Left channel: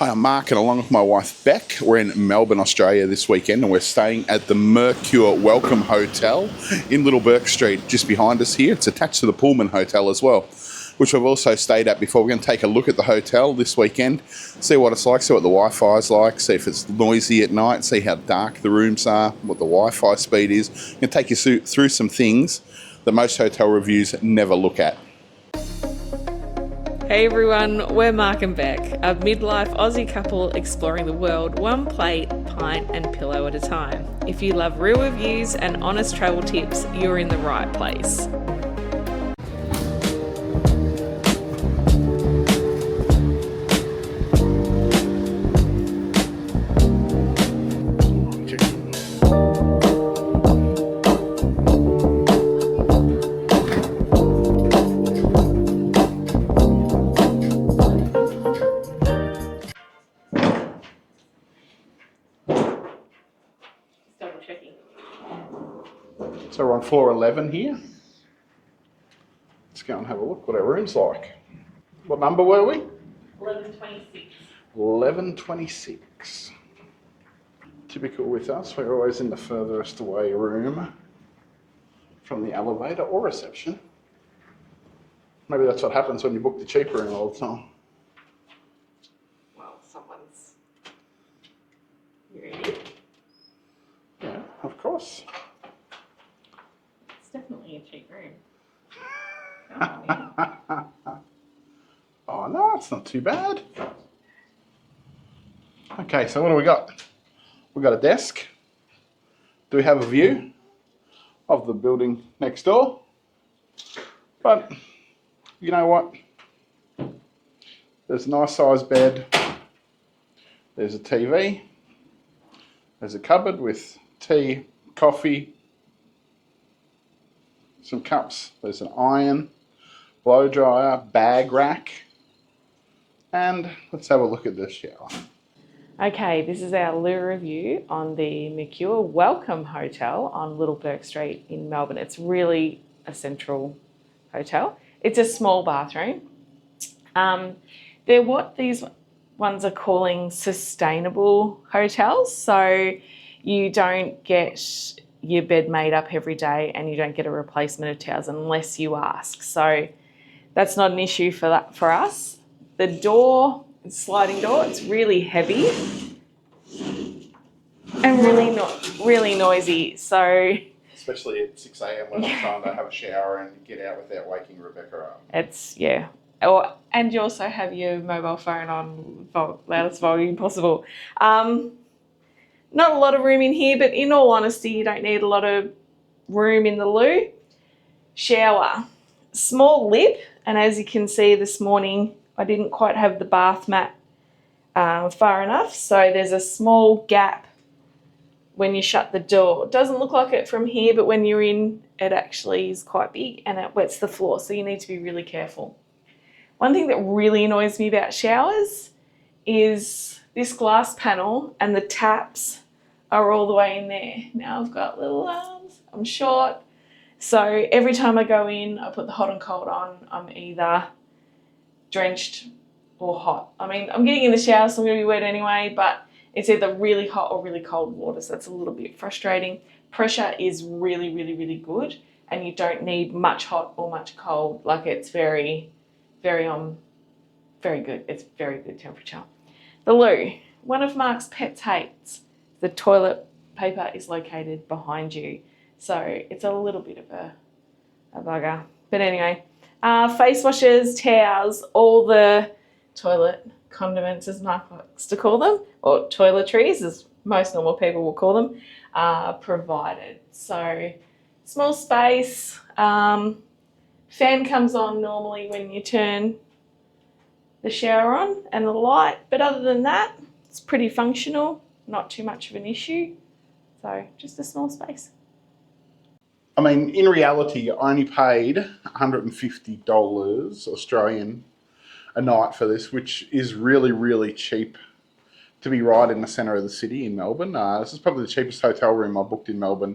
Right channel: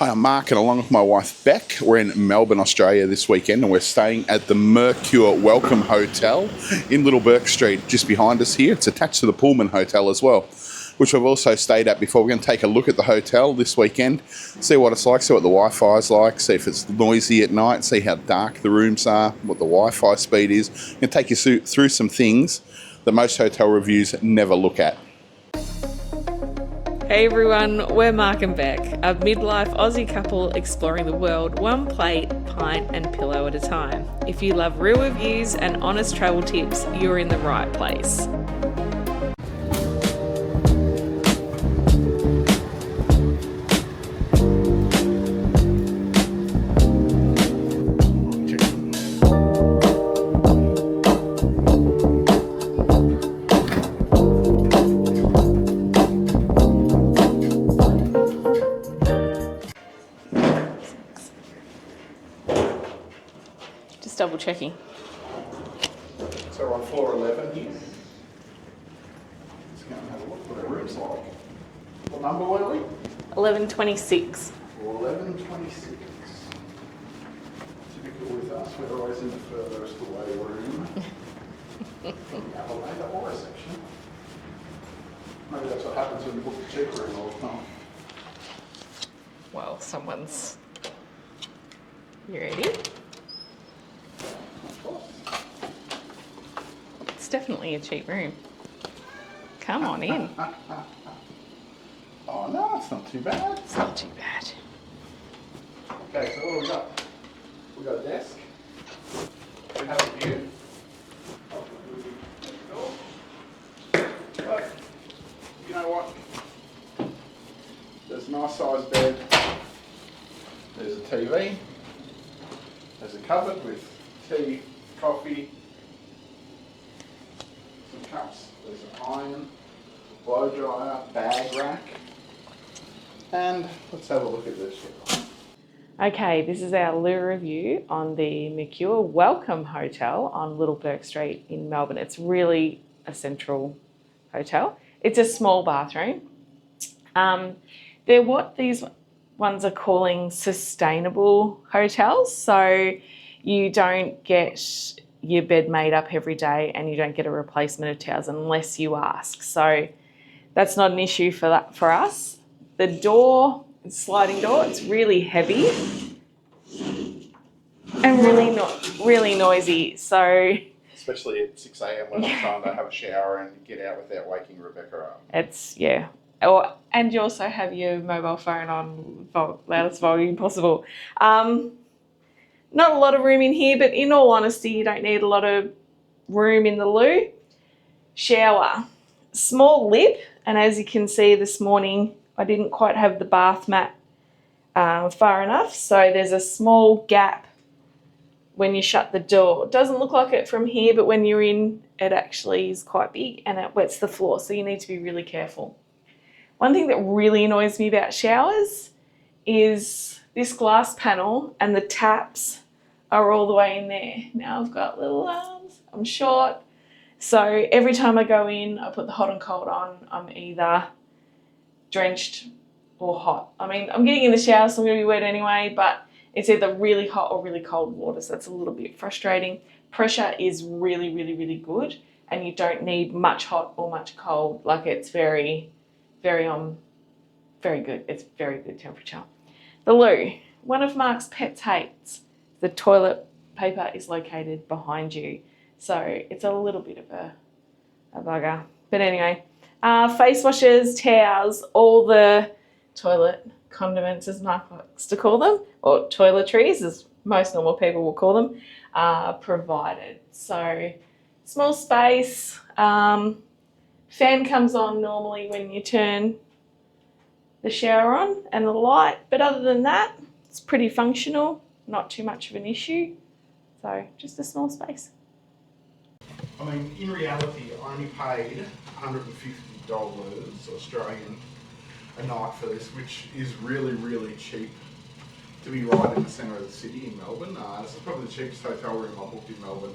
Hi, I'm Mark, and along with my wife Bec, we're in Melbourne, Australia this weekend, and we're staying at the Mercure Welcome Hotel in Little Bourke Street, just behind us here. It's attached to the Pullman Hotel as well, which we've also stayed at before. We're going to take a look at the hotel this weekend, see what it's like, see what the Wi-Fi is like, see if it's noisy at night, see how dark the rooms are, what the Wi-Fi speed is. I'm going to take you through some things that most hotel reviews never look at. Hey everyone, we're Mark and Bec, a midlife Aussie couple exploring the world one plate, pint and pillow at a time. If you love real reviews and honest travel tips, you're in the right place. Double checking. So we're on floor 11 here. Let's go and have a look what our room's like. What number were we? 1126. 1126. Typical with us, we're always in the furthest away room from the elevator or reception. Maybe that's what happens when you book the cheap room all the time. Well, You ready? Yeah, of course. It's definitely a cheap room. Come on in. Oh no, it's not too bad. It's not too bad. Okay, so what do we got? We've got a desk. Do we have a view of the building next door? But you know what? There's a nice sized bed. There's a TV. There's a cupboard with tea, coffee, some cups. There's an iron, blow dryer, bag rack, and let's have a look at this shower. Okay, this is our loo review on the Mercure Welcome Hotel on Little Bourke Street in Melbourne. It's really a central hotel. It's a small bathroom. They're what these ones are calling sustainable hotels. So you don't get your bed made up every day and you don't get a replacement of towels unless you ask. So that's not an issue for us. The door, sliding door, it's really heavy and really noisy. So especially at 6 a.m. when I'm trying to have a shower and get out without waking Rebecca up. It's, yeah. And you also have your mobile phone on loudest volume possible. Not a lot of room in here, but in all honesty, you don't need a lot of room in the loo. Shower, small lip, and as you can see this morning, I didn't quite have the bath mat far enough, so there's a small gap when you shut the door. It doesn't look like it from here, but when you're in, it actually is quite big and it wets the floor, so you need to be really careful. One thing that really annoys me about showers is this glass panel and the taps are all the way in there. Now I've got little arms, I'm short. So every time I go in, I put the hot and cold on, I'm either drenched or hot. I mean, I'm getting in the shower, so I'm gonna be wet anyway, but it's either really hot or really cold water, so that's a little bit frustrating. Pressure is really good, and you don't need much hot or much cold. Like it's very good. It's very good temperature. The loo. One of Mark's pets hates. The toilet paper is located behind you. So it's a little bit of a bugger. But anyway, face washes, towels, all the toilet condiments, as Mark likes to call them, or toiletries, as most normal people will call them, are provided. So small space. Fan comes on normally when you turn the shower on and the light, but other than that, it's pretty functional, not too much of an issue. So just a small space. I mean, in reality, I only paid $150 Australian a night for this, which is really cheap to be right in the centre of the city in Melbourne. This is probably the cheapest hotel room I booked in Melbourne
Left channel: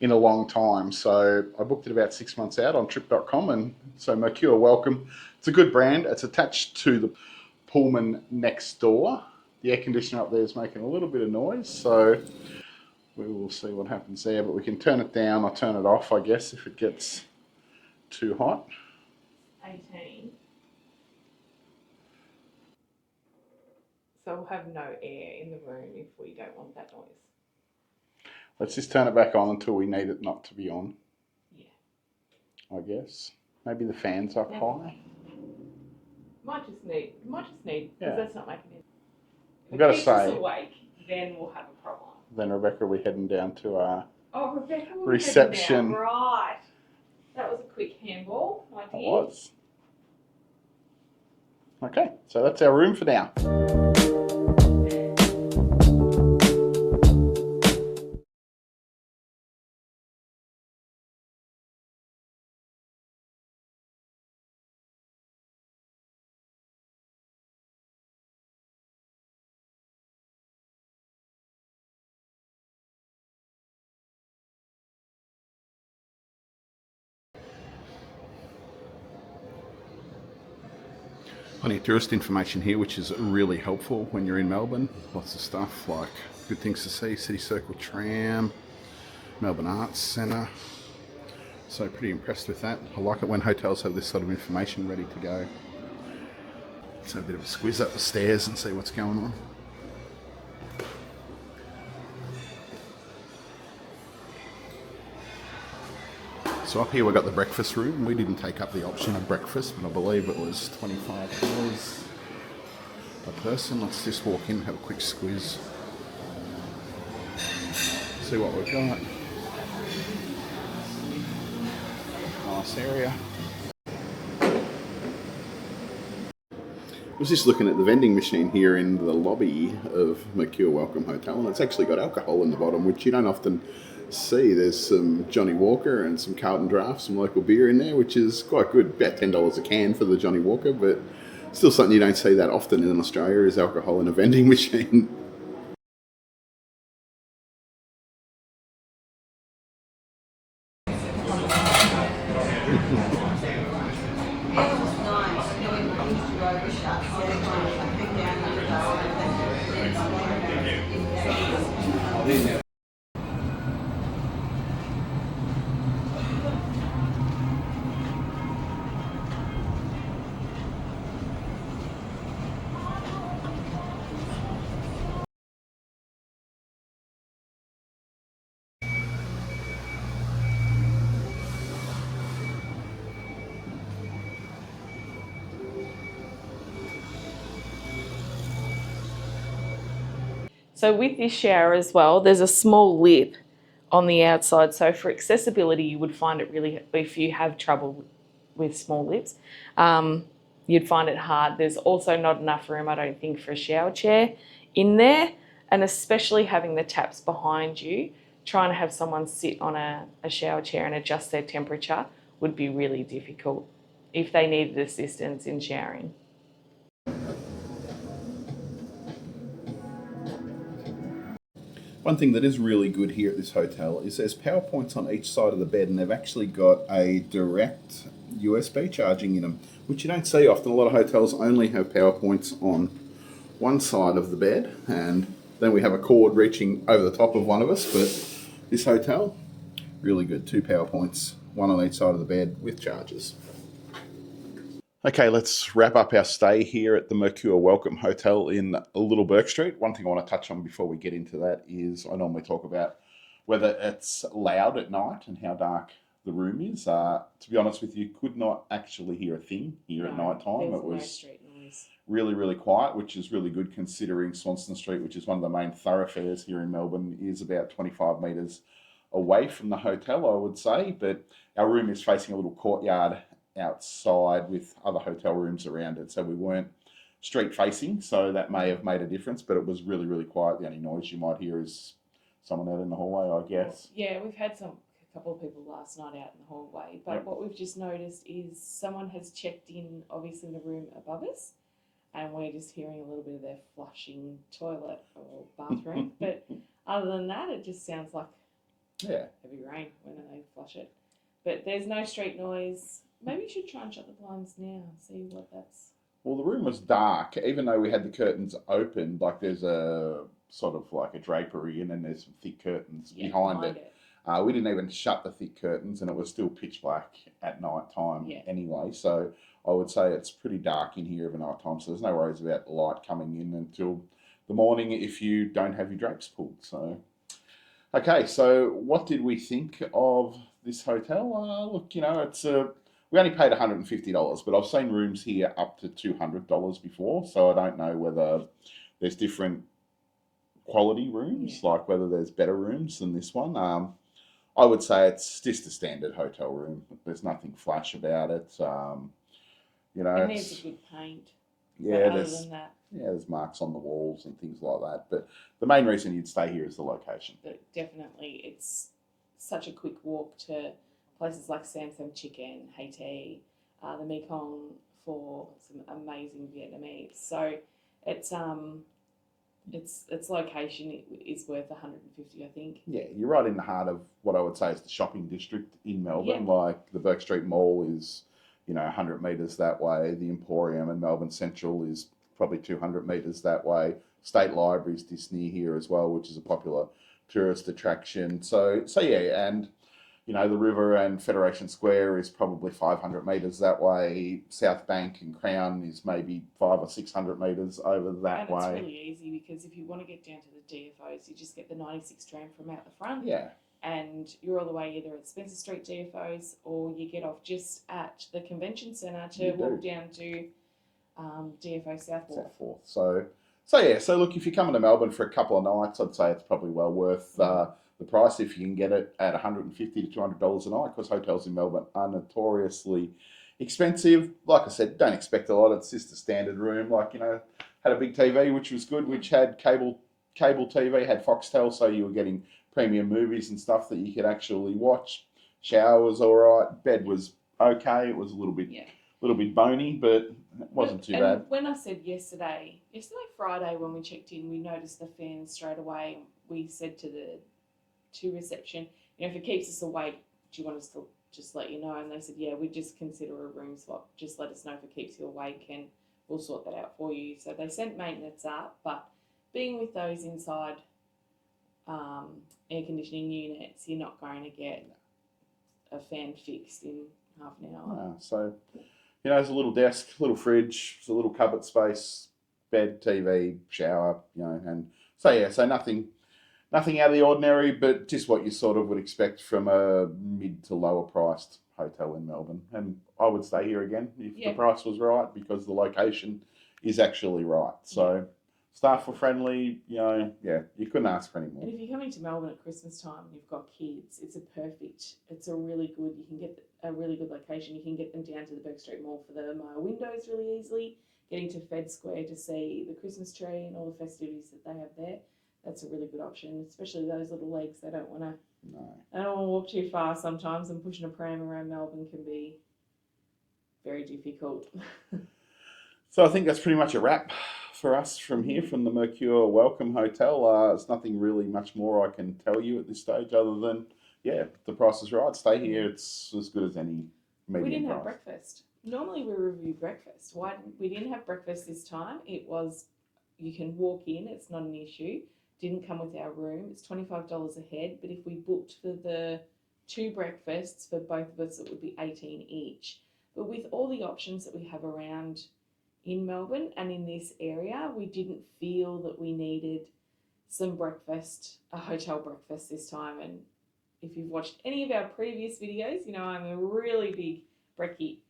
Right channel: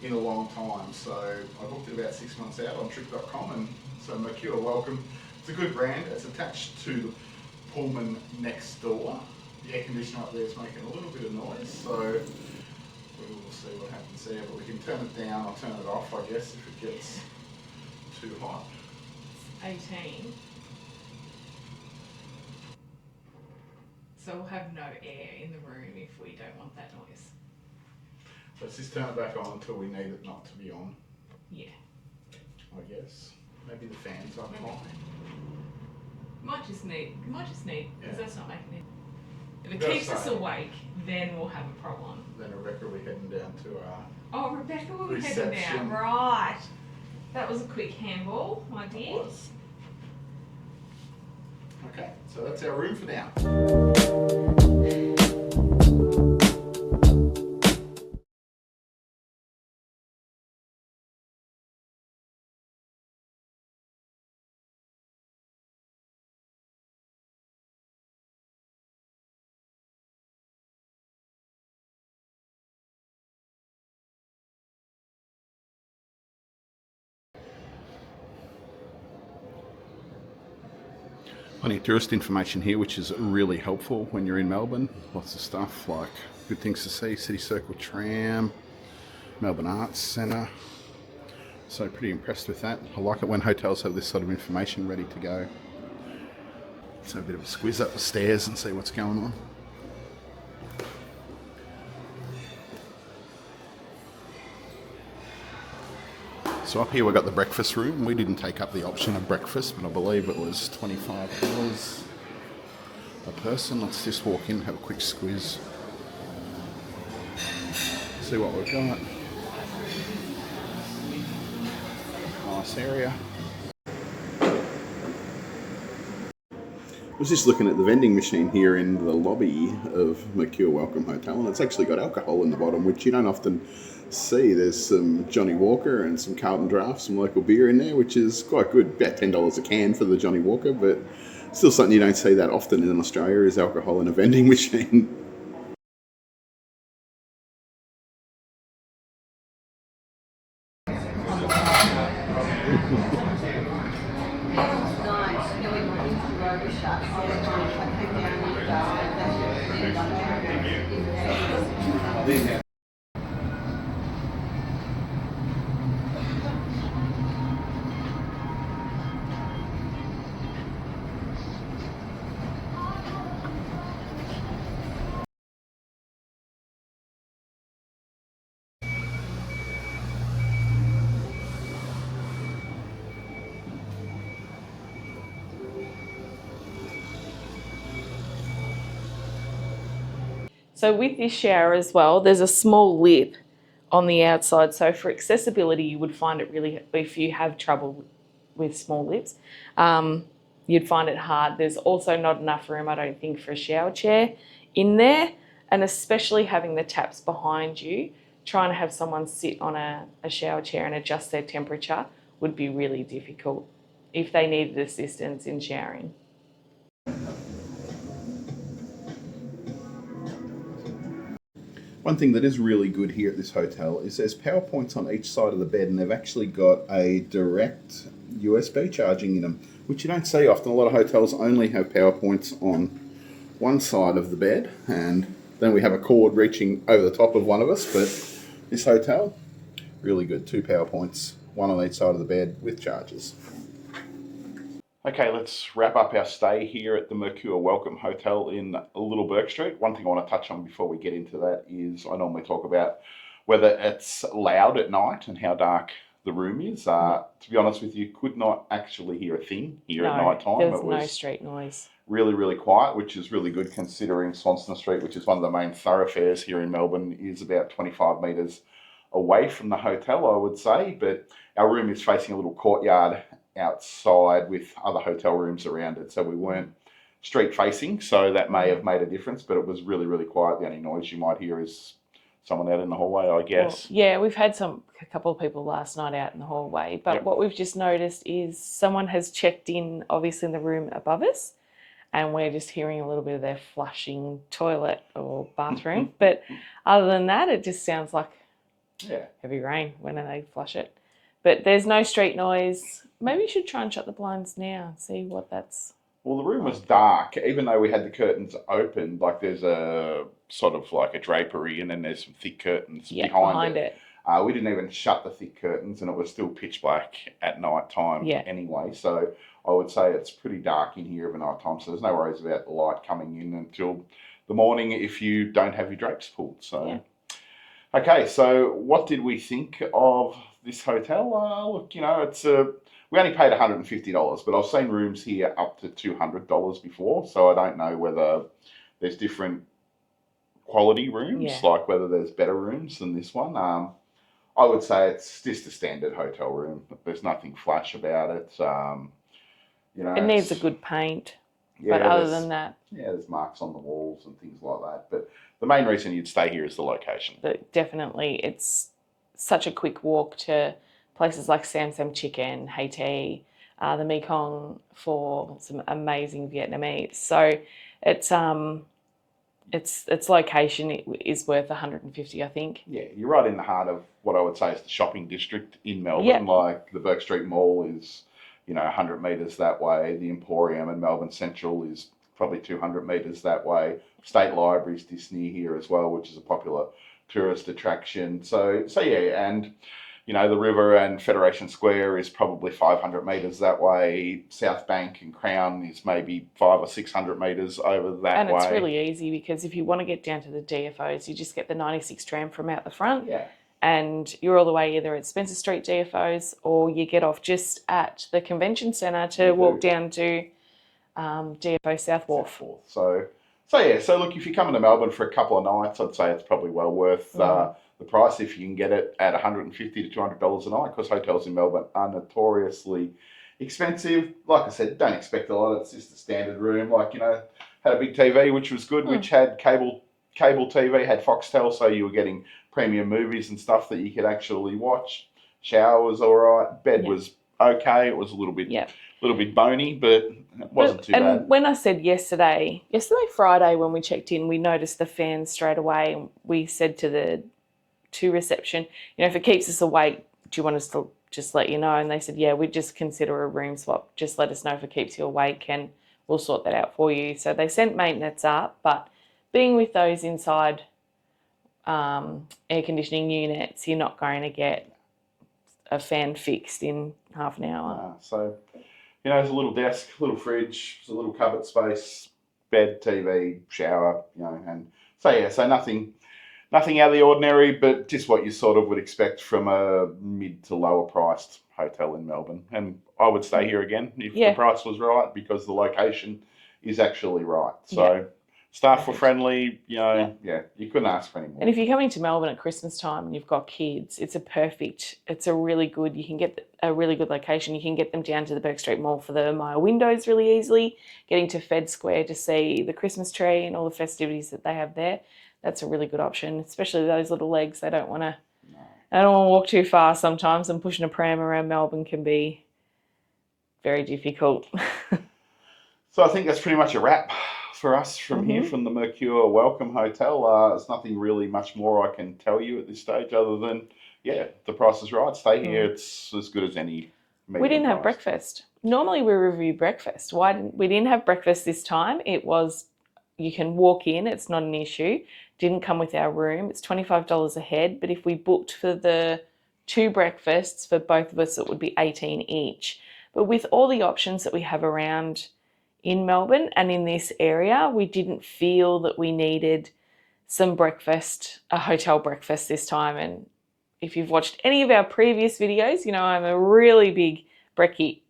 in a long time. So I booked it about 6 months out on trip.com, and so Mercure Welcome. It's a good brand. It's attached to the Pullman next door. The air conditioner up there is making a little bit of noise, so we will see what happens there. But we can turn it down or turn it off, I guess, if it gets too hot. 18. So we'll have no air in the room if we don't want that noise. Let's just turn it back on until we need it not to be on. Yeah. I guess. Maybe the fan's up high. Might just need, because that's not making it. If I've it keeps us awake, then we'll have a problem. Then Rebecca will be heading down to our Rebecca will reception. Be heading down. Right. That was a quick handball, my dear. It was. Okay, so that's our room for now. Plenty of tourist information here, which is really helpful when you're in Melbourne. Lots of stuff like good things to see, City Circle tram, Melbourne Arts Centre. So pretty impressed with that. I like it when hotels have this sort of information ready to go. Let's have a bit of a squiz up the stairs and see what's going on. So up here we've got the breakfast room. We didn't take up the option of breakfast, but I believe it was $25 a person. Let's just walk in, have a quick squiz. See what we've got. Nice area. I was just looking at the vending machine here in the lobby of Mercure Welcome Hotel, and it's actually got alcohol in the bottom, which you don't often see. There's some Johnny Walker and some Carlton Draft, some local beer in there, which is quite good. About $10 a can for the Johnny Walker, but still something you don't see that often in Australia is alcohol in a vending machine. So with this shower as well, there's a small lip on the outside. So for accessibility, you would find it really, if you have trouble with small lips, you'd find it hard. There's also not enough room, I don't think, for a shower chair in there. And especially having the taps behind you, trying to have someone sit on a shower chair and adjust their temperature would be really difficult if they needed assistance in showering. One thing that is really good here at this hotel is there's power points on each side of the bed, and they've actually got a direct USB charging in them, which you don't see often. A lot of hotels only have power points on one side of the bed, and then we have a cord reaching over the top of one of us. But this hotel, really good. 2 power points, one on each side of the bed with chargers. Okay, let's wrap up our stay here at the Mercure Welcome Hotel in Little Bourke Street. One thing I want to touch on before we get into that is I normally talk about whether it's loud at night and how dark the room is. To be honest with you, could not actually hear a thing here at night time. There was no street noise. Really, really quiet, which is really good considering Swanston Street, which is one of the main thoroughfares here in Melbourne, is about 25 metres away from the hotel, I would say. But our room is facing a little courtyard outside with other hotel rooms around it, so we weren't street facing, so that may have made a difference, but it was really, really quiet. The only noise you might hear is someone out in the hallway, I guess. Well, yeah, we've had a couple of people last night out in the hallway, but what we've just noticed is someone has checked in, obviously in the room above us, and we're just hearing a little bit of their flushing toilet or bathroom. But other than that, it just sounds like heavy rain when they flush it. But there's no street noise. Maybe you should try and shut the blinds now and see what that's Well, the room was dark, even though we had the curtains open. Like there's a sort of like a drapery, and then there's some thick curtains Yeah, behind it. We didn't even shut the thick curtains, and it was still pitch black at night time Yeah. anyway. So I would say it's pretty dark in here over night time. So there's no worries about the light coming in until the morning if you don't have your drapes pulled. So. Yeah. Okay, so what did we think of this hotel? Look, you know, we only paid $150, but I've seen rooms here up to $200 before, so I don't know whether there's different quality rooms, Yeah. like whether there's better rooms than this one. I would say it's just a standard hotel room. There's nothing flash about it. You know, It needs a good paint. yeah, But other than that, yeah, there's marks on the walls and things like that. But the main reason you'd stay here is the location. but definitely it's such a quick walk to places like Sam Sam Chicken, Haiti, the Mekong for some amazing Vietnamese. So its location is worth 150, I think. Yeah, you're right in the heart of what I would say is the shopping district in Melbourne. Yep. Like the Bourke Street Mall is, 100 metres that way. The Emporium in Melbourne Central is probably 200 metres that way. State Library's just near here as well, which is a popular tourist attraction. So yeah, and the river and Federation Square is probably 500 metres that way. South Bank and Crown is maybe 500 or 600 metres over that way. And it's really easy because if you want to get down to the DFOs, you just get the 96 tram from out the front. Yeah. And you're all the way either at Spencer Street DFOs or you get off just at the convention centre to walk down to DFO South Wharf. So look, if you're coming to Melbourne for a couple of nights, I'd say it's probably well worth the price if you can get it at $150 to $200 a night, because hotels in Melbourne are notoriously expensive. Like I said, don't expect a lot. It's just a standard room. Like, had a big TV, which was good, which had cable TV, had Foxtel, so you were getting premium movies and stuff that you could actually watch. Shower was all right. Bed was okay. It was a little bit bony, but it wasn't too bad. And when I said yesterday Friday, when we checked in, we noticed the fans straight away. And we said to reception, if it keeps us awake, do you want us to just let you know? And they said, yeah, we'd just consider a room swap. Just let us know if it keeps you awake and we'll sort that out for you. So they sent maintenance up, but being with those inside air conditioning units, you're not going to get a fan fixed in half an hour. So, there's a little desk, little fridge, there's a little cupboard space, bed, TV, shower, and so nothing out of the ordinary, but just what you sort of would expect from a mid to lower priced hotel in Melbourne. And I would stay here again if the price was right, because the location is actually right. So staff were friendly, you couldn't ask for any more. And if you're coming to Melbourne at Christmas time and you've got kids, you can get a really good location. You can get them down to the Bourke Street Mall for the Maya windows really easily, getting to Fed Square to see the Christmas tree and all the festivities that they have there. That's a really good option, especially those little legs. They don't want to walk too far sometimes, and pushing a pram around Melbourne can be very difficult. So I think that's pretty much a wrap for us from here, from the Mercure Welcome Hotel. There's nothing really much more I can tell you at this stage other than, the price is right. Stay here. It's as good as any medium We didn't have price. breakfast. Normally we review breakfast. We didn't have breakfast this time. It was, you can walk in. It's not an issue. Didn't come with our room. It's $25 a head. But if we booked for the 2 breakfasts for both of us, it would be $18 each. But with all the options that we have around in Melbourne and in this area, we didn't feel that we needed a hotel breakfast this time. And if you've watched any of our previous videos, I'm a really big brekkie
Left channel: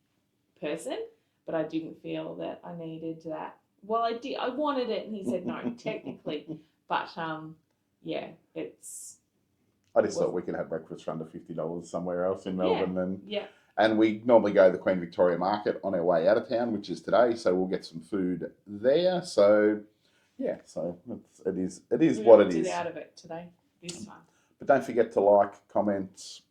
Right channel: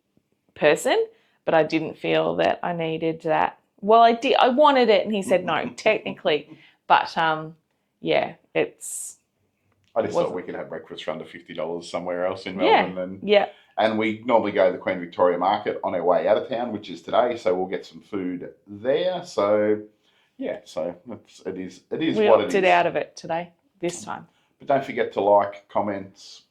person, but I didn't feel that I needed that. Well, I did. I wanted it, and he said no, technically. But, it's... I just thought we could have breakfast for under $50 somewhere else in Melbourne. And we normally go to the Queen Victoria Market on our way out of town, which is today, so we'll get some food there. So, it is what it is. We opted out of it this time. But don't forget to like, comment,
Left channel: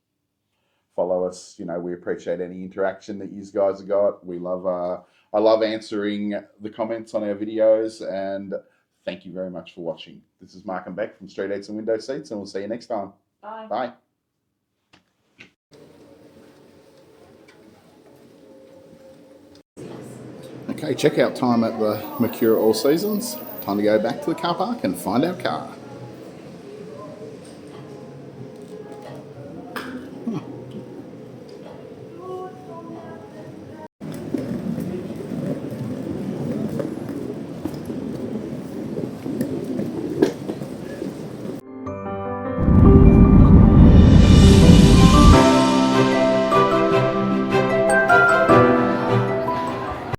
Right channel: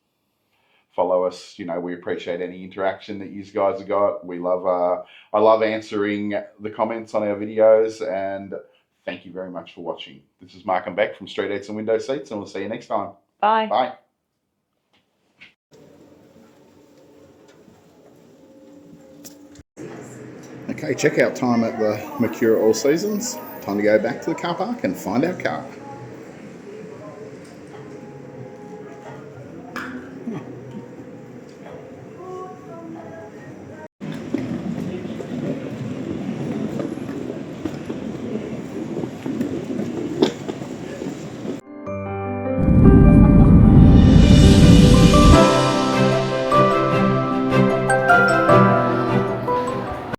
follow us. We appreciate any interaction that you guys have got. We love, I love answering the comments on our videos, and thank you very much for watching. This is Mark and Bec from Street Eats and Window Seats, and we'll see you next time. Bye. Bye. Okay, checkout time at the Mercure All Seasons. Time to go back to the car park and find our car.